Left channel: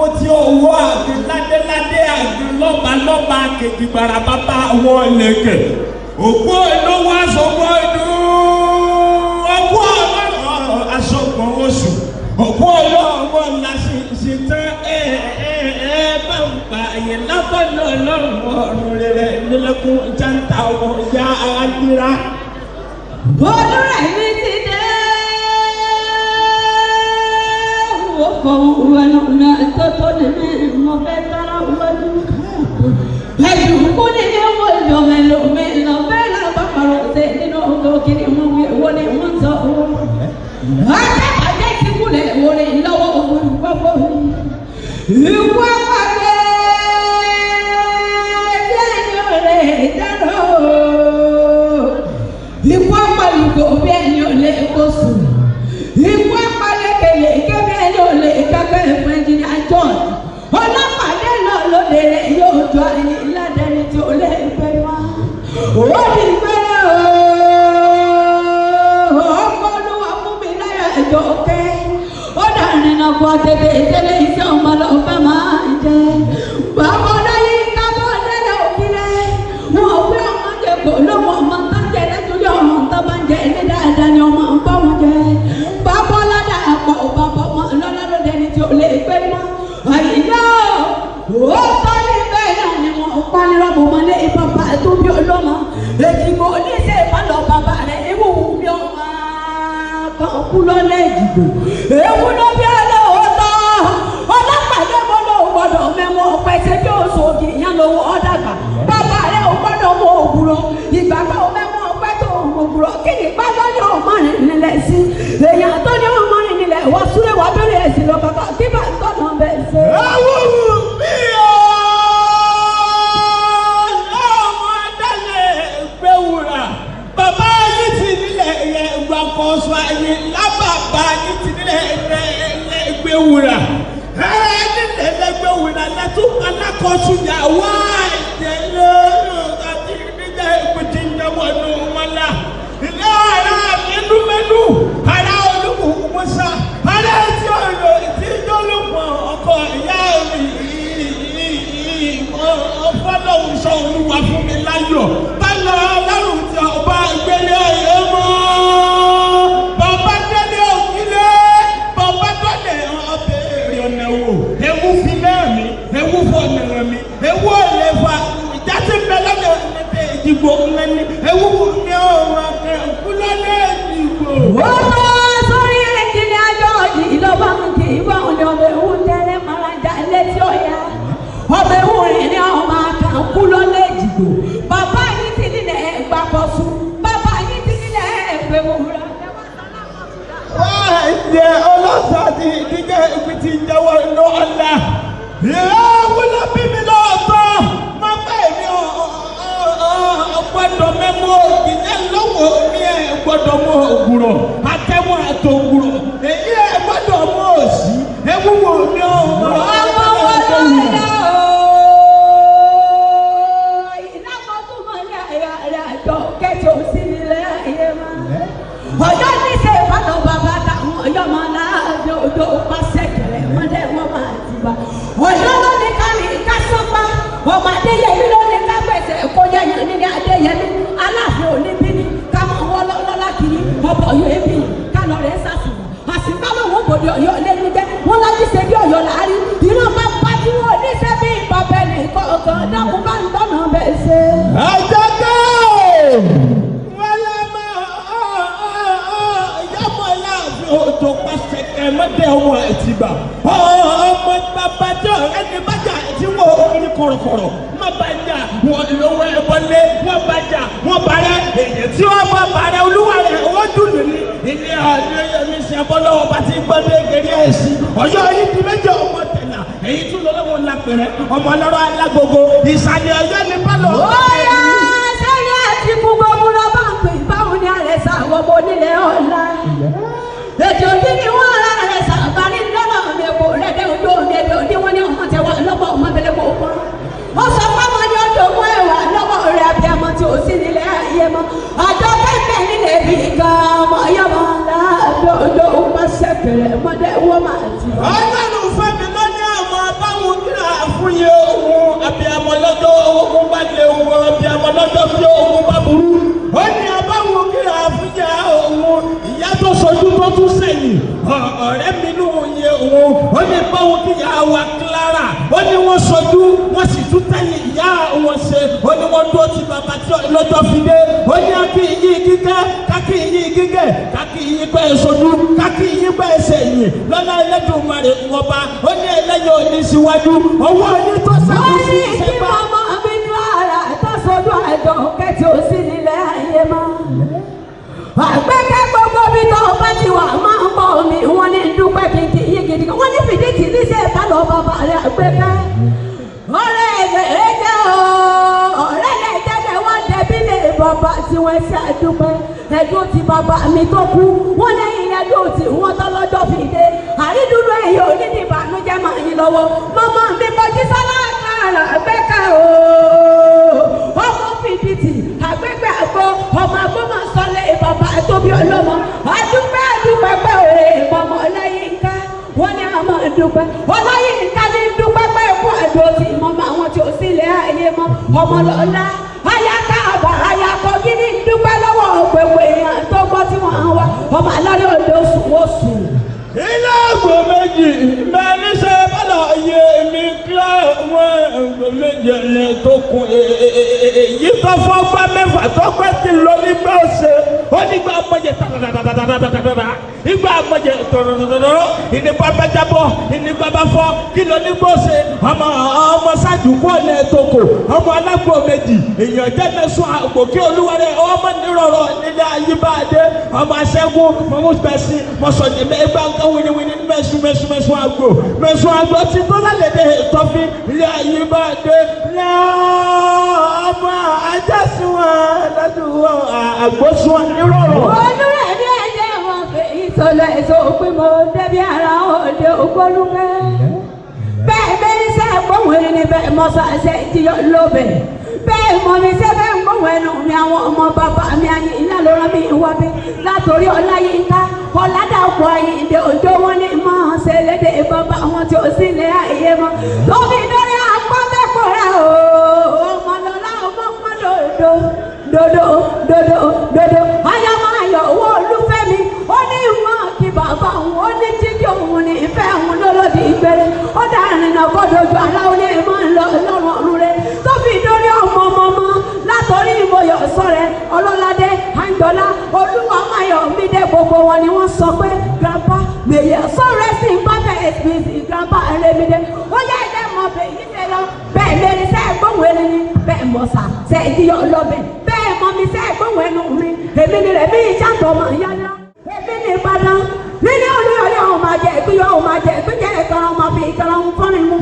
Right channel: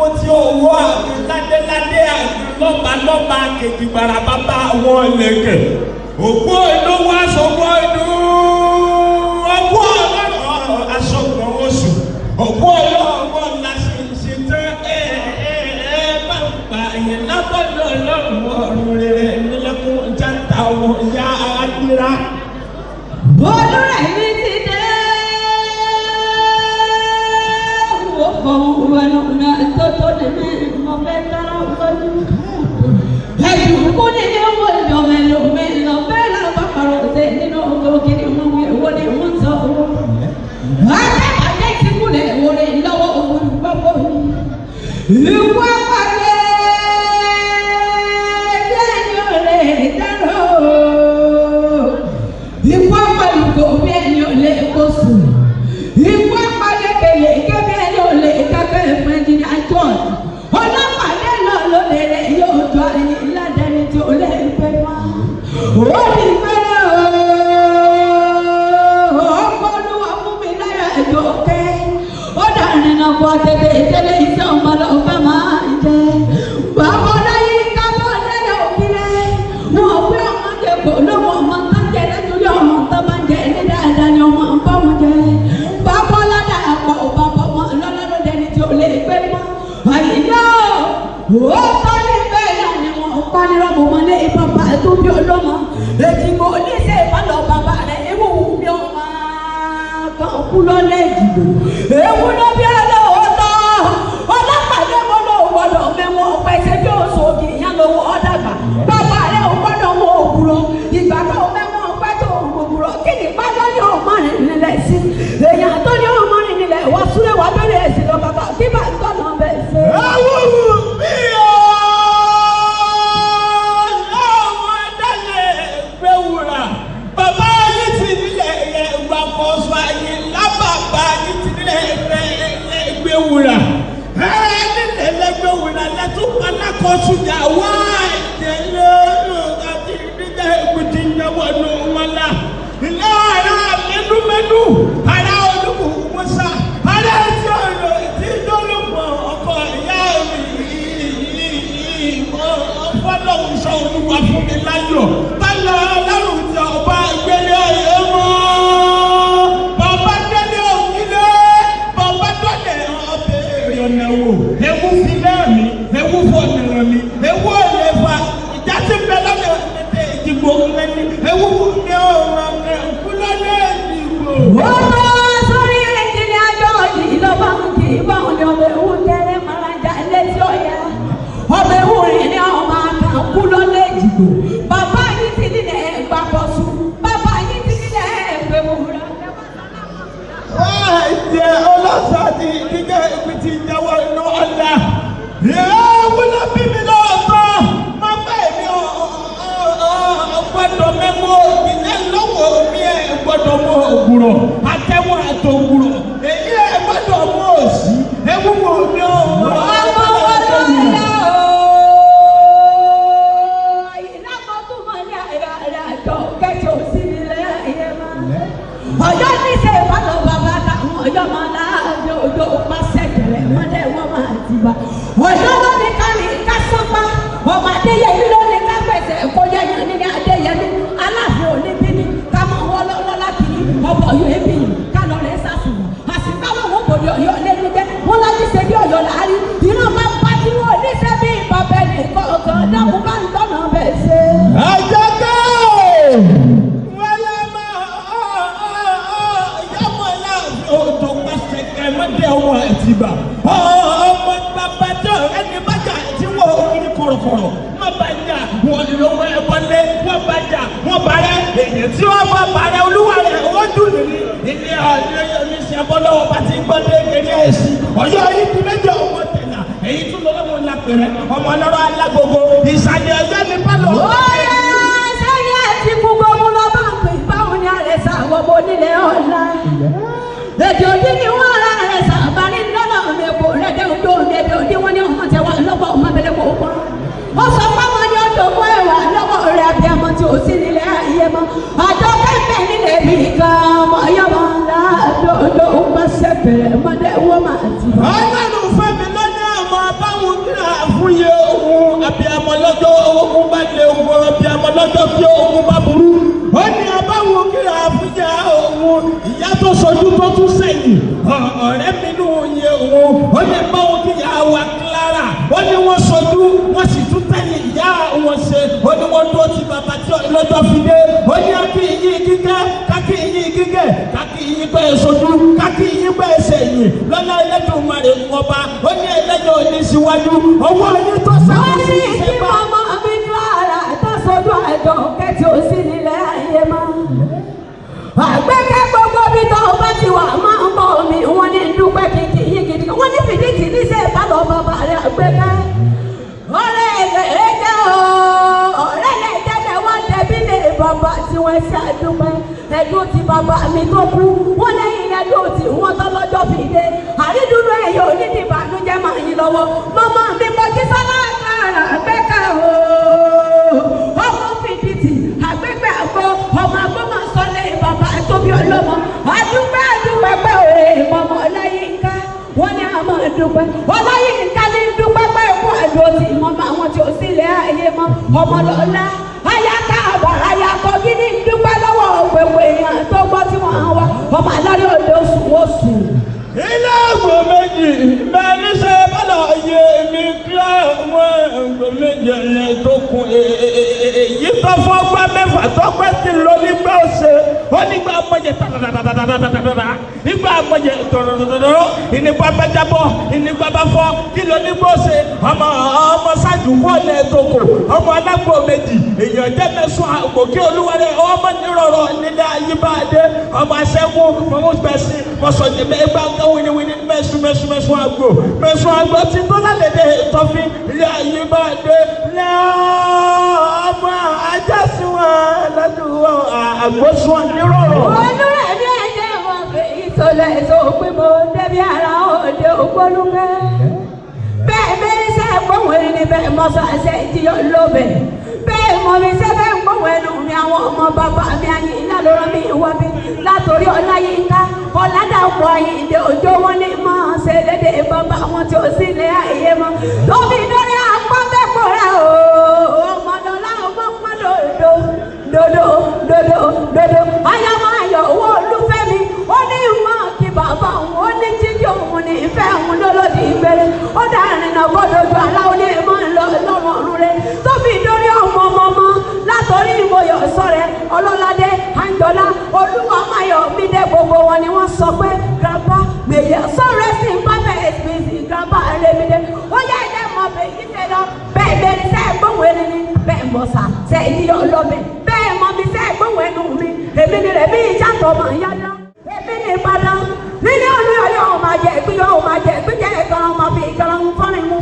àpótí owó àti ládéládé àti lọ́balọ́ba kejì barabata àwọn ìlẹ̀kẹ̀. Òkú olówó aṣọ́gbọ́n ọdún ọgbọ́ ọlọ́run aṣọ́gbọ́n oṣù. Òkú ọlọ́run làṣìṣì tẹ́ bá ń pa ìyẹn lábẹ́lẹ̀ ọlọ́run rẹ̀ ìdílẹ́kùn jáńtà ọmọ ìyá àwájúra. Ọdún ẹ̀yìn ti dé. Gbogbo ọ̀rọ̀ ní àtọ́tọ́ ní ìmọ̀ kẹta ọ̀gbọ́n. Ẹ̀yìn kú ní ọmọ ìjọba ìlòmí lọ bẹ́ẹ̀ pápá òde nínú ọmọ òkè ìlú ìwọ́n ní kúta owó. Akẹ́kọ̀ọ́ ti kúlẹ̀ orí ìnáwó òkú gbogbo. Ìlú àpàlẹ́ lẹ́nu rẹ̀ dáná. Ìwọ pẹ̀lú òbí ẹ̀yìn ọ̀lẹ́ ẹ̀kọ́ sùn. Ìwọ pẹ̀lú kẹlẹ̀ kẹ́kẹ́ yóò lè kábẹ́ ẹ̀fẹ́ ní àjọ. Ọlọ́pàá náà ló lè yóò jọ ẹni ládẹ́ni tí ó lè gbé wá. Ó ní bẹ́ẹ̀ ọmọ olúwa fún mi láyà ẹ̀jọ̀ pé ó dànù nínú ọmọdé ìdílé iṣẹ́ ọmọ náà fẹ́ máa ń dé. Bàbá náà yí ká tó dé yóò fi lé. Yóò fẹ́ ọmọ lẹ́kọ̀ọ́ lọ́wọ́ ọmọ náà jẹ́ ẹ̀jọ̀ ọmọ tó máa ń jẹ́ ẹ̀jẹ̀ dáadáa ni ọmọ tó ń jẹ́. Bàbá lọ́dà àpò bàbá wọn lọ́dà lọ́dẹ̀ni tí ó lè gbé wá. Àyíká ó bá ní bẹ́ẹ̀ náà ni wọ́n pa lọ́wọ́ wọn ní bàbá tó ní ọlọ́mọ. Èyí wọn ní ṣe ìbálò bàbá rẹ̀ ewu mi ọmọ kan kú lọ́lẹ̀ ìdìbò. Ewu ló bí ọlọ́wọ́ tán. Ọlọ́pàá yẹn gbọ́dọ̀ gbọ́dọ̀ mẹ́mọ́ pẹ̀sẹ̀ bí oṣù òbí yẹn lọ́wọ́ ọ̀dàgbà. Bàbá rẹ̀ ò gbọ́dọ̀ mọ òwúrọ̀. Ìgbà náà mẹ́mọ́ pẹ̀sẹ̀ òwúrọ̀ kí ni bàbá ní ọmọ rẹ̀ nílẹ̀ sí. Èèyàn tó ní ọmọ rẹ̀ nílẹ̀ wọ́n súré wá lórí ẹ̀sìn lọ bàbá kí bá ń tọ̀nà bẹ̀ ṣe. Bàbá yìí ti lẹ̀ ẹ̀wà kọ̀ọ̀sọ̀ ẹ̀yìn lábàbà yìí ti lẹ̀ ẹgbẹ̀wòrà. Ẹ̀rẹ́ nílẹ̀ ẹgbẹ̀wòrà lẹ́tún alákọ̀ọ́sù yà wá ẹ̀dẹ̀gbẹ̀rún àti ìbílẹ̀ ìpìtì ìyẹ̀wò ẹ̀nu wọn náà. Ilé ara mẹ́lúmẹ́lú, ara olúkúkúsá, ara ìjọ ìlò ìdíjọ́ olùkọ́ ọkọ̀ ìyá mi ọ̀fọ́lọ́hùn sọ olúwa fún mi láyọ̀. Báyọ̀ ọlọ́run ti ọba ìgbélé ẹ̀yẹ́ mọ́. Bàbá gbélé òkìlẹ̀, bàbá gbélé ọ̀bẹ̀ ìrìnàwó. Ewu fi náà mi, ewu fọ mìíràn mi, ewu ọ̀rẹ́ fa ìjásí mẹ́lọ́dẹ̀ ọ̀dẹ̀ ìdìbò mẹ́ni, ewu fún mi ọ̀rọ̀ ẹ̀kú lọ́dẹ̀ ìdìbò. Wọ́n sórí ẹ̀jẹ̀ ajọ́ yìí lọ́wọ́ kì í bá òun yọ̀ ewu tẹ́lẹ̀ mọ́lájà ẹlẹ́sẹ̀ ọ̀yà. Ọmọ ewu rẹ̀ ní ọmọ àkàkú lọ́lẹ̀ ìdìbò. Bàbá yìí ti nílẹ̀ ẹ̀gbà kọ̀ọ̀sù. Bàbá yìí ti nílẹ̀ ẹ̀gbẹ̀ wòwúrọ̀. Ẹ̀jẹ̀ ọlọ́sàdì ìdíjẹ́ ìpìtì ìjẹ́wọ́ inú ọ̀nà. Wúlò bí mi lọ́ọ̀tọ́, máa bẹ́ẹ̀ ni ọ̀gbọ́dọ̀ mẹ́mọ́ ìdílé lọ́wọ́ mi ẹ̀ gbọ́dọ̀ mú ògùrọ̀, àtẹ̀wọ̀ ẹ̀tọ́ ògùrọ̀, èyí ẹ̀ gbọ́dọ̀ mú òsì, ewu wò ní ọ̀rọ̀. Ọjọ́ ní ṣe ìbálò bàbá táwọn ọjọ́ máa ń rájò odò pàṣẹ ìrẹ̀ mọ́lẹ̀ wọ́n máa ti bá. Ọjọ́ ló ní kárí kásọ́kọ́, ọmọ Adéyẹmí ló ní lágbèsè kó yẹyẹ ní Adéyẹmí. Aláàfin oníbìrì kámọ́ wọ́ lọ́wọ́ láti rí ọkọ̀ yóò bí kánà rẹ̀ sàṣùn. Àṣìgbọ́ wọn mú bòdì Ọ̀yọ́ lẹ́nu gbé, wọ́n láti ṣe bí Ọ̀yọ́ láàrí. Ìlú máa ń pariwo oníṣẹ́ bí ìbàbẹ̀rẹ̀ ìkọ̀ ọ̀gọ̀ dákun bá ń gbọ́nà bẹ̀ ṣe. Ọmọ babajọ ẹni bàjá tí wọ́n ní kọ̀rọ̀kọ̀rọ̀ má bàjá wọ́n lọ́wọ́ ẹ̀wọ́lé má bàjá wọ́n bàrẹ̀ èyí tí wọ́n wá bàrẹ̀ olúwa rẹ̀ wọ́n dùn ní ilé ọ̀dọ́ yẹn ṣe bọ́lá ọba tí gbọ́dọ̀ ìlérí ẹ̀sìn Ọ̀yọ́ yìí ti méjì ọmọ tẹ̀lá èyí tún lọ́wọ́ lápẹ̀rẹ̀ ọmọ lọ́wọ́ alágbogbo ìsàlẹ̀ Ọ̀yọ́ ní pálọ̀. Ọ̀yá sáyà àti gbogbo ọmọ bá ń pè báwọn ní àrẹ sá gbogbo nílé ọ̀la. Èdè òdì ni wọ́n ara rẹ̀ sábà ní lọ́nà òdìbò lẹ́dẹ̀ odò lẹ́dẹ̀ òdì wọn ní ọmọ tẹ̀wá lọ́wọ́ ọmọ tẹ̀lé kò kọ́. Ó sọ fáwọn ọjọ́ tó wọ́ ẹ̀wà lọ́wọ́ rẹ̀ àbí àmọ́ tí ò sí nílé ayé mọ́. Àjọ kẹ́kẹ́ nílé rí kan ọmọ yọ wọn náà lọ́dọ̀ ó bá sẹ́kẹ̀rẹ̀ mọ́dẹ̀ wọ́n máa ti. Ọlọ́run fẹ́ mi lọ́ní àmọ́ báwọn kíra fún yẹ ohun àbí àwọn lọ́jọ́ ohun bá jẹ ọgbọ́n àbí àwọn lọ́jọ́ tó ohun bá burú. Ó ní abáwọn kíra fún yẹ ohun ìyá tó sọdún tó tún sẹ́yìn. Ọ̀rẹ́ mi nù yẹ ohun. Ó ní báwọn kíyà wà kílára. Ó ní wọ́n sọdún wọ́n sì tún tẹ̀lé ìyá àwọn ṣe. Ó ní wọ́n dúró ti bàbá tí lọ́jọ́ fi dé. Ó ní káàkiri yín kíkẹ́ káàkiri yín kíkẹ́ káàkiri yín bẹ́ẹ̀ sọdún káàkiri yín bẹ́ẹ̀ sẹ́yìn lọ́nà ẹlẹ́dùn wọn rẹ̀ wọ́n bá. Ó ní ẹlẹ́yìn òní síwájú ọwọ́ ẹni tó sábà ní ìṣẹ́gbà. Ọmọ mi ní ara ìtọ́sọ́jú ẹ̀dọ̀ kẹ́tì ò sí nílẹ̀ ayé máa. Àpẹẹrẹ gbogbo bí tó bá ti wà máa ń bọ̀ mí wọ́n ní dúpẹ́ kìkì yín gidi. Wọ́n ní fìdíkì ní sí ẹ̀ka lọ bàbá rẹ̀ àpẹẹrẹ. Ọ̀rẹ́ ilẹ̀ ẹ̀jẹ̀ o, ọ̀rẹ́ ilẹ̀ ẹ̀jẹ̀ wọ́n dẹ̀bí lè bàbá tí wọ́n ṣe àdúpẹ́. Ẹ̀dùn ti bàbá mi tó kú. Wọ́n ní ìyẹ́dùn tí wọ́n tọ́ lọ́jọ́ fi dé. Àrídùnú èyí ò ní ti bànújẹ́ máa yín lọ́wọ́. Màmá mi bọ́ kí sọ́lá àgbẹ̀ká o. Ọmọ fìdítì àgbẹ̀gbẹ̀ àgbo ọmọ agbọ́mọ sọlé bàbá tóbi olómọ. Àdúpẹ́ àdúpẹ́ pẹ́ òye ìmọ̀mọ́ lẹ́yìn ká. Wọ́n ní àmọ́ àdúpẹ́. Ọlọ́yin nìkan ní dúpẹ́ pẹ́ kú àjò tí ìmọ̀mọ́ àwọn tí ò sí ilé ayé mọ́. Ọmọ lọ́lá ayáká àbá ayákọ́ kí ní dúpẹ́ lọ́wọ́ ọ̀pẹ̀wò èèyàn tó gbọ́ tí wọ́n wá. Ọmọ aládé òde oṣù wọ́n sùn. Ilé ọ̀gbọ̀n méjì lẹ́ni ṣe bọ́lá yẹ èmi kí àwọn méjì rẹ̀ tó kún èyí tó fọ́gbà mẹ́fà tó pẹ́ sí ló nígbà ọ̀sẹ̀ ó nígbà àpọ̀jẹ̀ tàdàdàdàdàdàdàdà nígbà àpọ̀jẹ̀ tọ̀rọ̀dọ̀dọ̀dọ̀ ìnípa bẹ́jẹ̀bọ̀ ìnípa bá fọ́ kí ló nígbà ọ̀sẹ̀ ọmọ ṣáàjú bọ́ọ̀lù ẹ̀tọ́kọ̀ ọmọ alágbó méjì èèyàn jẹ́jẹ́ sún àpò kí olúwarẹ̀ ọmọ nírọ̀rọ̀ nílẹ̀ ayíbáadé ọmọ aṣẹ́gun mọ̀mú bẹ̀sí mọ̀sọ̀jẹ̀ mẹ́gbà ń kọ́ wíníwíní mẹ́sùn àgbò tí tó lálẹ́dẹ̀ tọ́fí ilé ayíbáadé ọmọ ajásùn lọ́dún àgbóṣùn nírọ̀rọ̀. Olúrẹ̀ ní ẹ̀jẹ̀ wọn fi ìtọ́lẹ̀ èso pín mo débi ara òde ògbólúkẹ́. Bẹ́ẹ̀ bẹ́ẹ̀ ní sẹ́ gbóhùn ní bẹ́ẹ̀ mọ́ sàṣẹ ìdíyọ lóbẹ̀. Bẹ́ẹ̀ mo ní sẹ́ bẹ́ẹ̀ gbóhùn ẹnu mi àwọn ọmọ bàbá mi àti iná ló rán mi wá bí. Látòrí Ọláyínká Ọládàpọ̀ Àyìndé òjò wọn ní máa ṣe lédè bàbá wọn tí ó sì lé ayé wọn. Lómi lórí àpọ́nbẹ́kọ̀rẹ́ ọmọ lọ́lá ọmọ pọ́n dodo. Ayọ̀mọ̀ ayọ̀ owó olúfẹ́mi ó ní ìwọ̀n kí bàbá òun ó ní jíjí òun ní ìfẹ́ òun lólódì ìgbẹ́rẹ́. Ó dárin náà gbọ́dọ̀ ju aláwọ̀ ní ìmọ̀ ńlọ lọ́rùn ọ̀run rẹ̀. Tó fi dórí ọmọ látọ̀rí ìmọ̀yọ̀ sọ̀rẹ́ ọlọ́ládé àjọlá olúwa ayọ̀ mi dé gbogbo wọn ni wọ́n sọ pé grandpa gbèyẹ sọ̀rẹ́ sí pápẹ́ èsì grandpa ẹlẹ́mìdẹ́. Ó lẹ́ẹ̀dẹ́ mọ̀ bẹ́ẹ̀ ní sẹ́lọ bẹ́ẹ̀ bẹ́ẹ̀ ní sẹ́ẹ̀ gbóhùn ẹni ní bẹ́ẹ̀ mọ̀ sá sẹ́ẹ̀ ní yọ̀ lọ́bẹ̀ bẹ́ẹ̀ mọ̀ mi sẹ́ẹ̀ gbóhùn ẹnu mi èmi ni rẹ̀ bí ìjà tọ̀ mọ̀ yára. Èmi ni Ìbàdàn nílé olóyè yóò máa jẹ ìpín yóò máa jẹ ìpín jẹ́ ẹ̀gbọ́n ọmọ fi ìgbọ́n fún mi mú.